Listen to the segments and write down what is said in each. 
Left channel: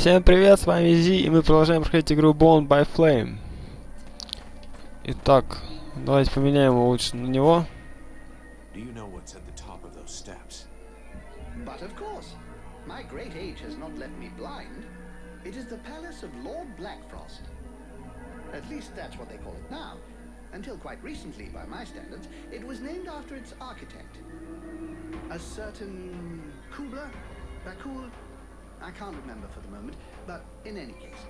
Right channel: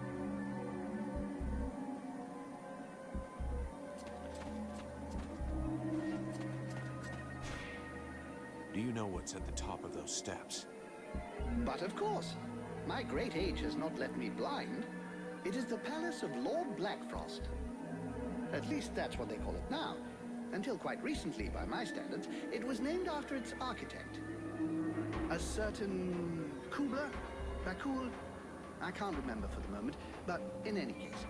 Всем привет, с вами Зи, и мы продолжаем проходить игру Bound by Flame. Итак, давайте поменяем его лучше на него. Do you know what's at the top of those steps? But of course, my great age has not left me blind. It is the palace of Lord Blackfrost. At least that's what they call it now. Until quite recently, by my standards, it was named after its architect. A certain Kubler? Bakul? I can't remember for the moment, but in any case.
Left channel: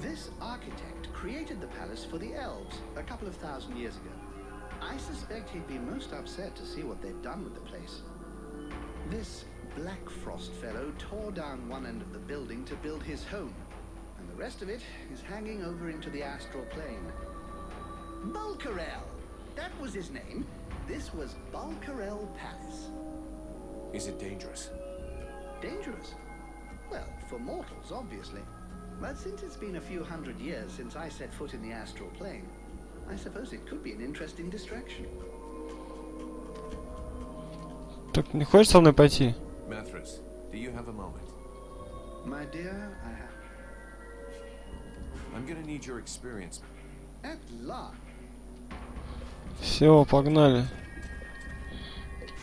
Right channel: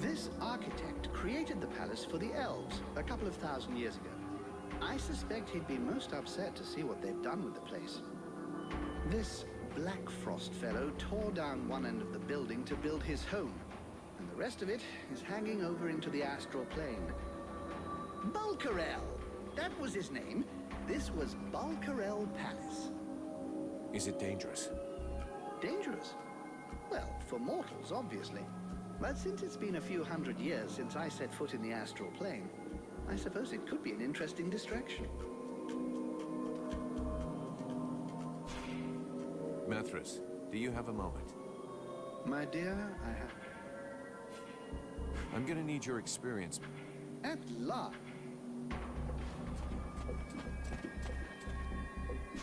This architect created the palace for the elves a couple of thousand years ago. I suspect he'd be most upset to see what they've done with the place. This Blackfrost fellow tore down one end of the building to build his home, and the rest of it is hanging over into the astral plane. Bulkarel! That was his name. This was Bulkarel Palace. Is it dangerous? Dangerous? Well, for mortals, obviously. But since it's been a few hundred years since I set foot in the astral plane, I suppose it could be an interesting distraction. Так, не хочешь со мной пойти? Mithras, do you have a moment? My dear, I have... I'm gonna need your experience. At last. Все, погнали.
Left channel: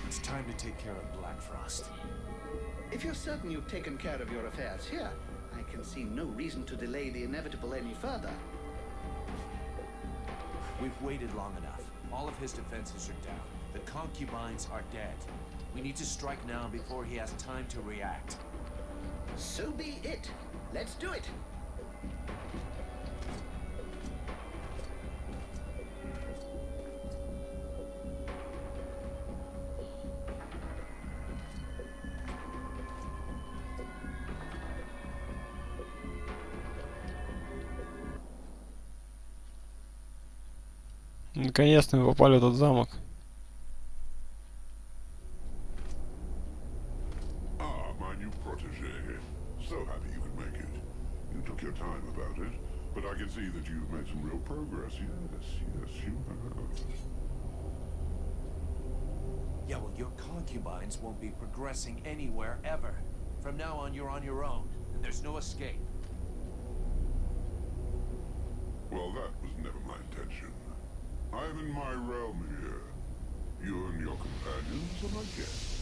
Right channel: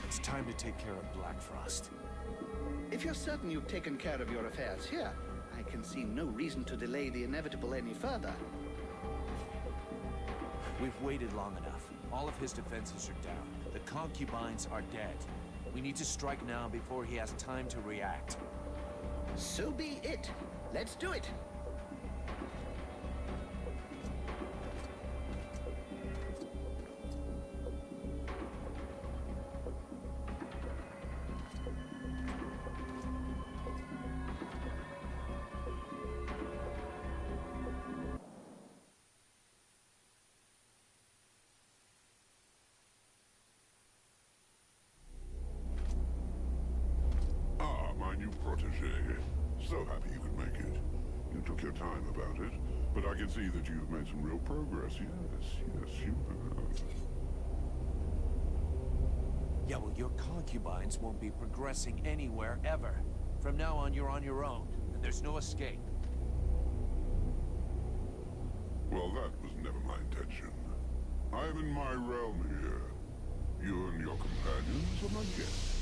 It's time to take care of Blackfrost. If you're certain you've taken care of your affairs here, I can see no reason to delay the inevitable any further. We've waited long enough. All of his defenses are down. The concubines are dead. We need to strike now before he has time to react. So be it. Let's do it. Наконец-то мы попали в этот замок. Ah, my new protege. So happy you could make it. You took your time about it, but I can see that you've made some real progress. Yes, you have. Yeah, well, your concubines won't be progressing anywhere ever. From now on, you're on your own, and there's no escape. Well, that was never my intention. I am in my realm here. You and your companions are my guests.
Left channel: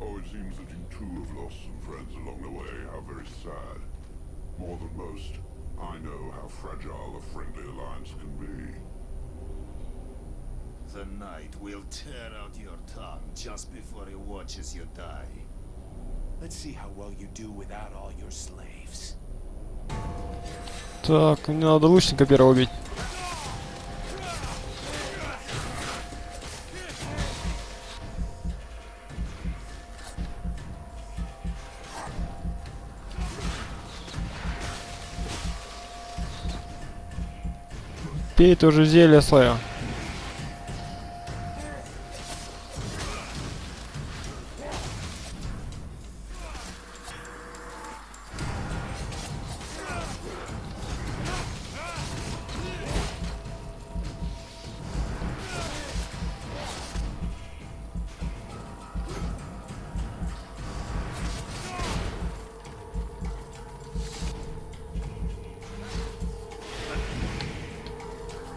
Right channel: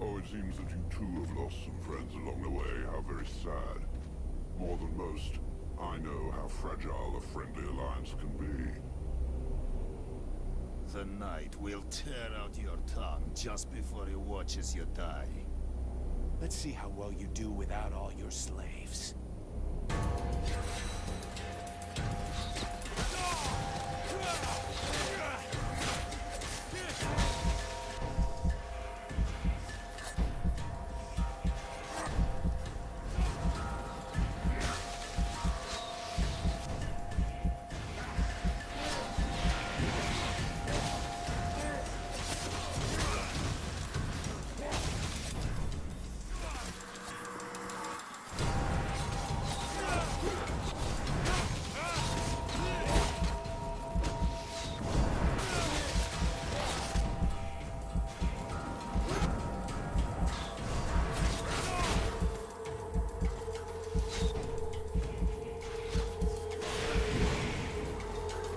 Oh, it seems that you too have lost some friends along the way. How very sad. More than most, I know how fragile a friendly alliance can be. The knight will tear out your tongue just before he watches you die. Let's see how well you do without all your slaves. Так, мне надо лучника первого убить. Пей тоже зелье свое.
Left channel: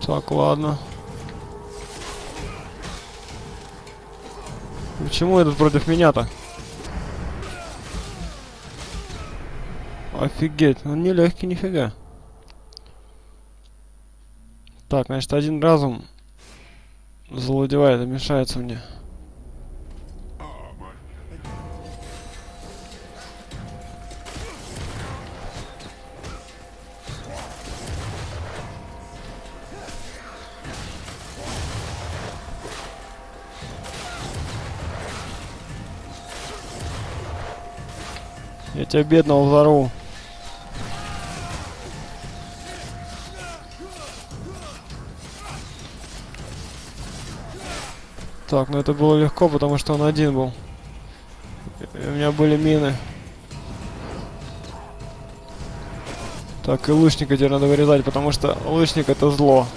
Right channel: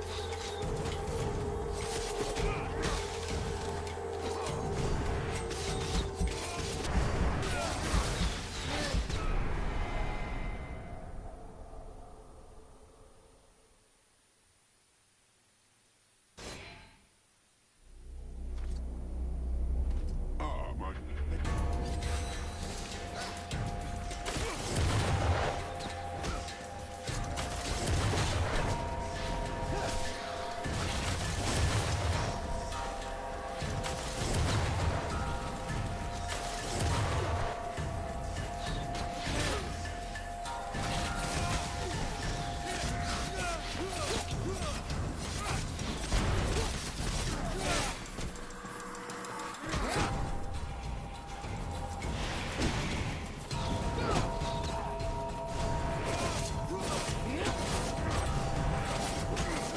Так, ладно. Почему этот против меня-то? Офигеть, он не легкий, нифига. Так, значит, один разум завладевает и мешается мне. Ah, my... Я тебя бедного взорву. Так, ну это было легко, потому что он один был. И у меня были мины. Так, и лучника теперь надо вырезать, потому что лучник это зло.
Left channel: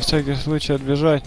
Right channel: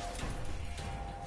На всякий случай отбежать.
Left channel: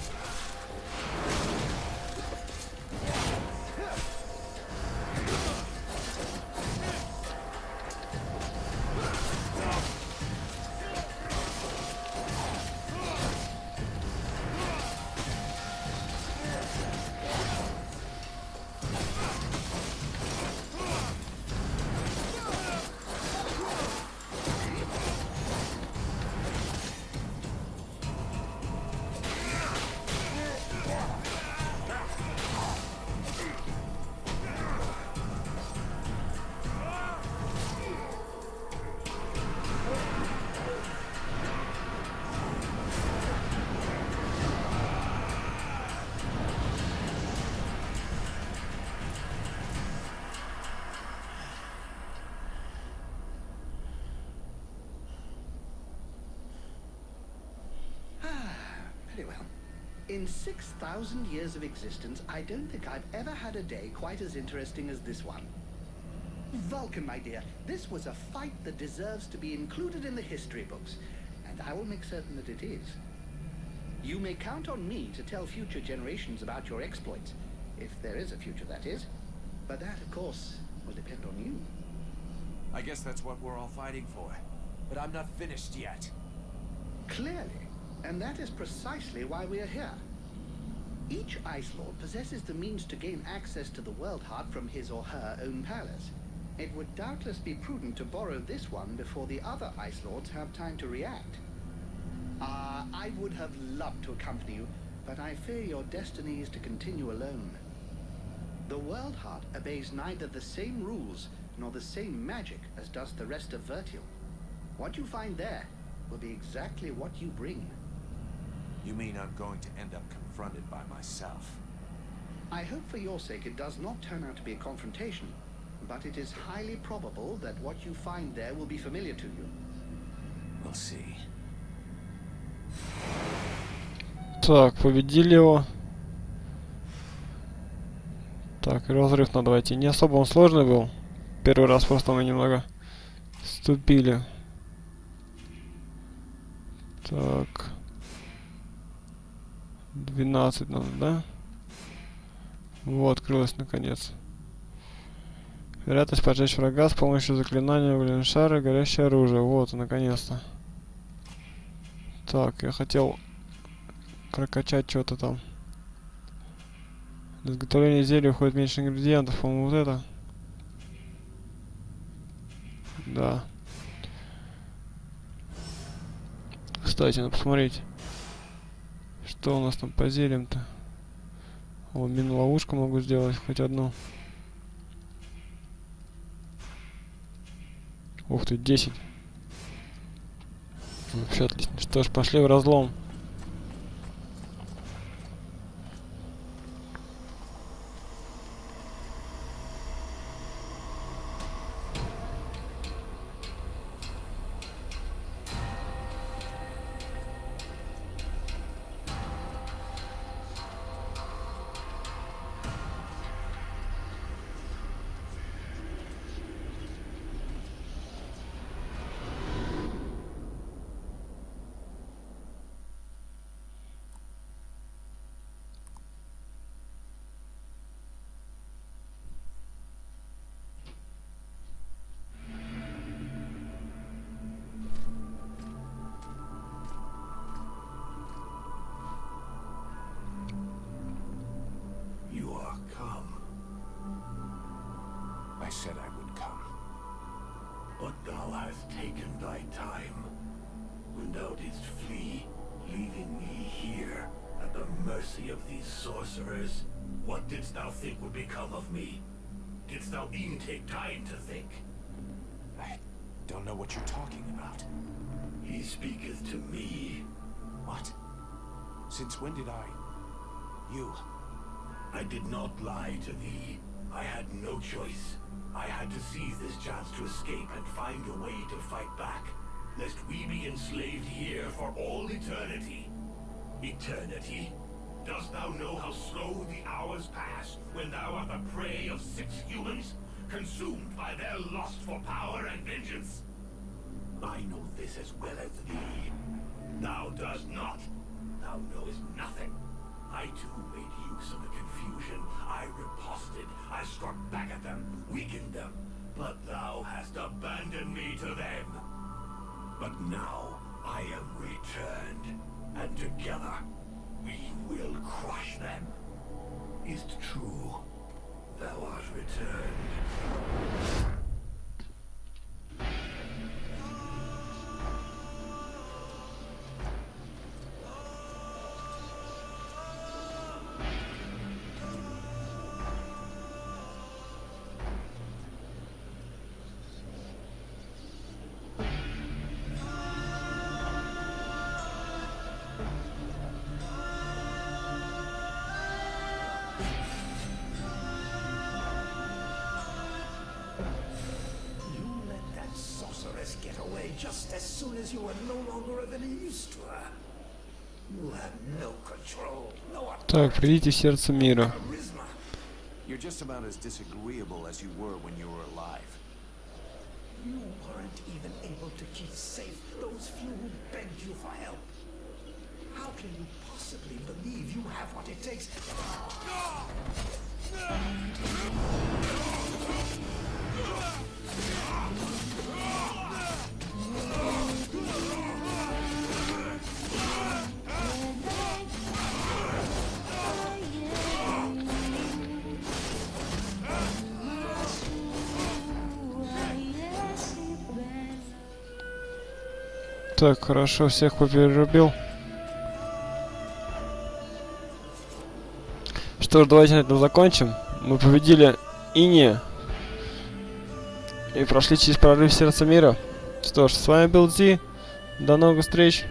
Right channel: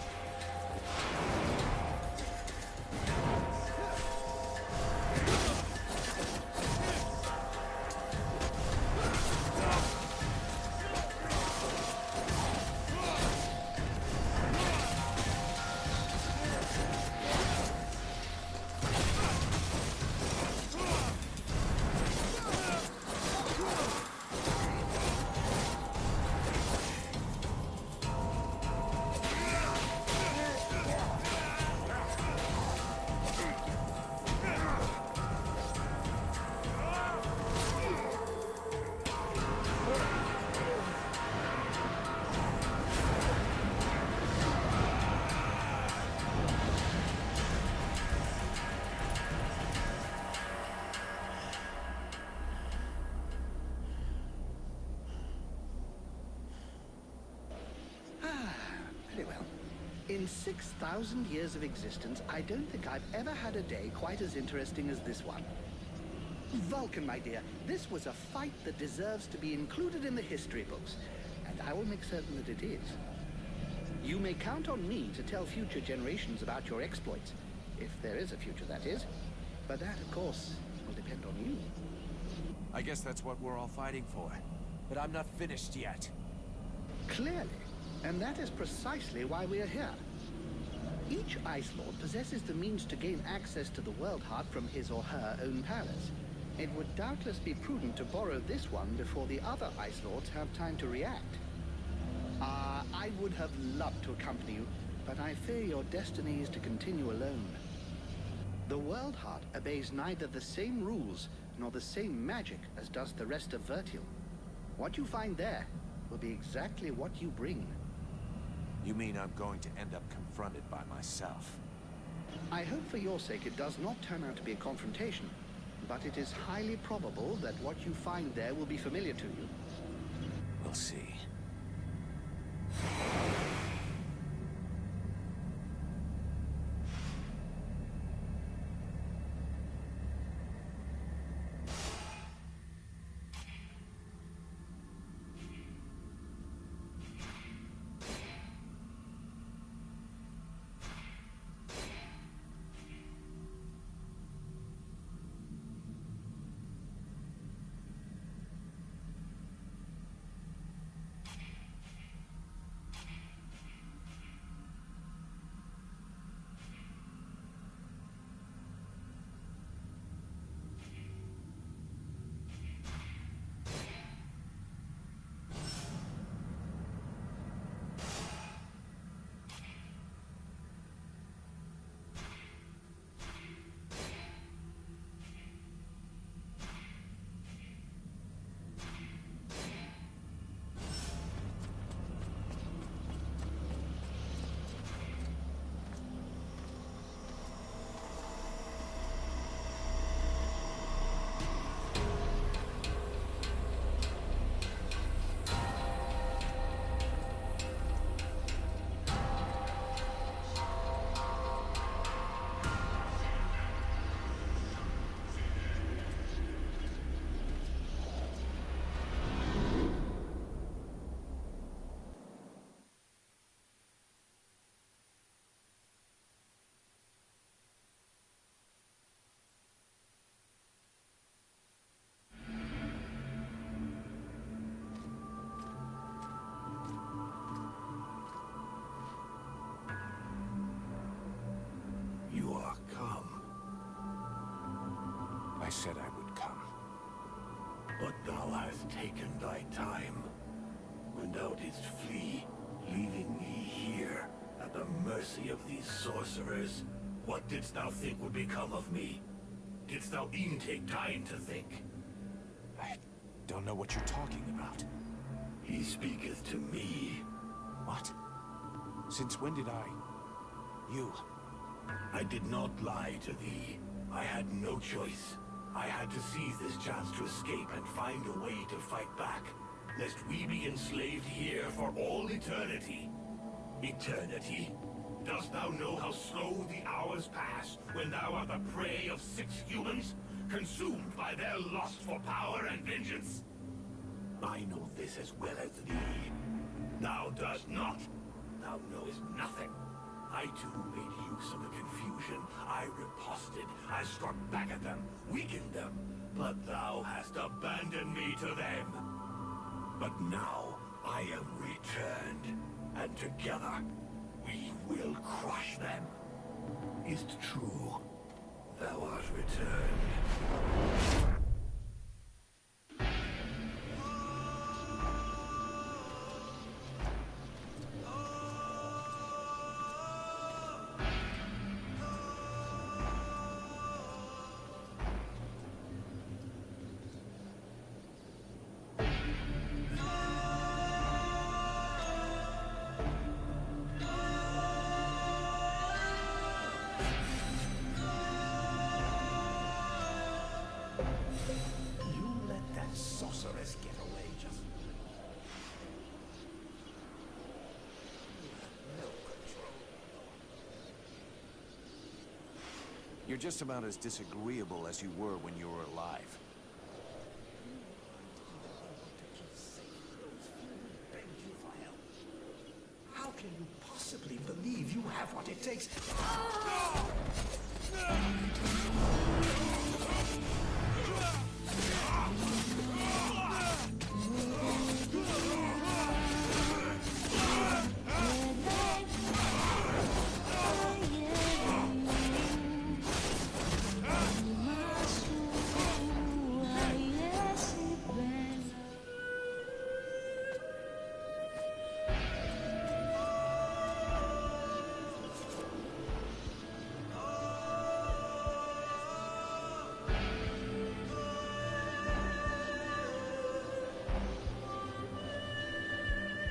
Very well. In 6,000 years of existence, I don't think I've ever had a day quite as interesting as this one. Vulcan, my dear, this was a fight that deserves to be included in the history books, and I will make certain that it is. You may count on me to tell future generations about your exploits, if there is a future, that is. But that, of course, will depend on you. I guess that's what we're all fighting for. But I'm not finished yet. Clearly. And that is precisely why we are here. Each Ice Lord possesses the means to gain access to the World Heart from his or her own palace. It would doubtless be prudent to borrow this one before the other Ice Lords have time to react. I would have loved to accompany you, but I fear your destiny is to continue alone. The World Heart obeys neither the same rules nor the same magic as does the rest of Vertial. What you find there will be exactly what you bring. You mean I'm going to end up confronted by myself? I hope for your sake it does not turn out to be a confrontation, but it is highly probable that what you find there will be familiar to you. We'll see. Так, победили его. Так, разрыв надо войти. Не особо он сложный был. Первый раз просто мы немного ступили. Так. 12 надо, да? Вот, открылось наконец. Вероятность поджечь врага с помощью заклинания угольного шара, горящее оружие. Вот, наконец-то. Так, я хотел прокачать что-то там. Для изготовления зелья уходит меньше ингредиентов, по-моему, вот это. Да. Кстати, надо посмотреть, что у нас там по зельям-то. О, мину-ловушку могу сделать, хоть одну. Ух ты, 10. Вообще отлично. Что ж, пошли в разлом. You are come, I said I would come. but thou hast taken thy time. When thou didst flee, leaving me here at the mercy of these sorcerers, what didst thou think would become of me? Didst thou e'en take time to think? I don't know what you're talking about. He speaketh to me. What? Since when did I... You... I did not lie to thee. I had no choice. I had to seize this chance to escape and find a way to fight back, lest we be enslaved here for all eternity. Eternity? Dost thou know how slow the hours pass when thou art the prey of 6 humans, consumed by their lust for power and vengeance? I know this as well as thee. Thou dost not. now knows nothing. I too made use of the confusion. I riposted. I struck back at them, weakened them. But thou hast abandoned me to them. But now I am returned, and together we will crush them. Is't true? Thou art returned. Get away just as soon as you were no longer of any use to her. You have no control, no Так, придите в сердце мира. charisma. You're just about as disagreeable as you were when you were alive. You weren't even able to keep safe those few who begged you for help. How can you possibly believe you have what it takes? Так, хорошо, всех поперерубил. Что ж, давайте на этом закончим. Мы победили Инея и прошли через прорыв сердца мира. Что ж, с вами был Зи. До новых встреч.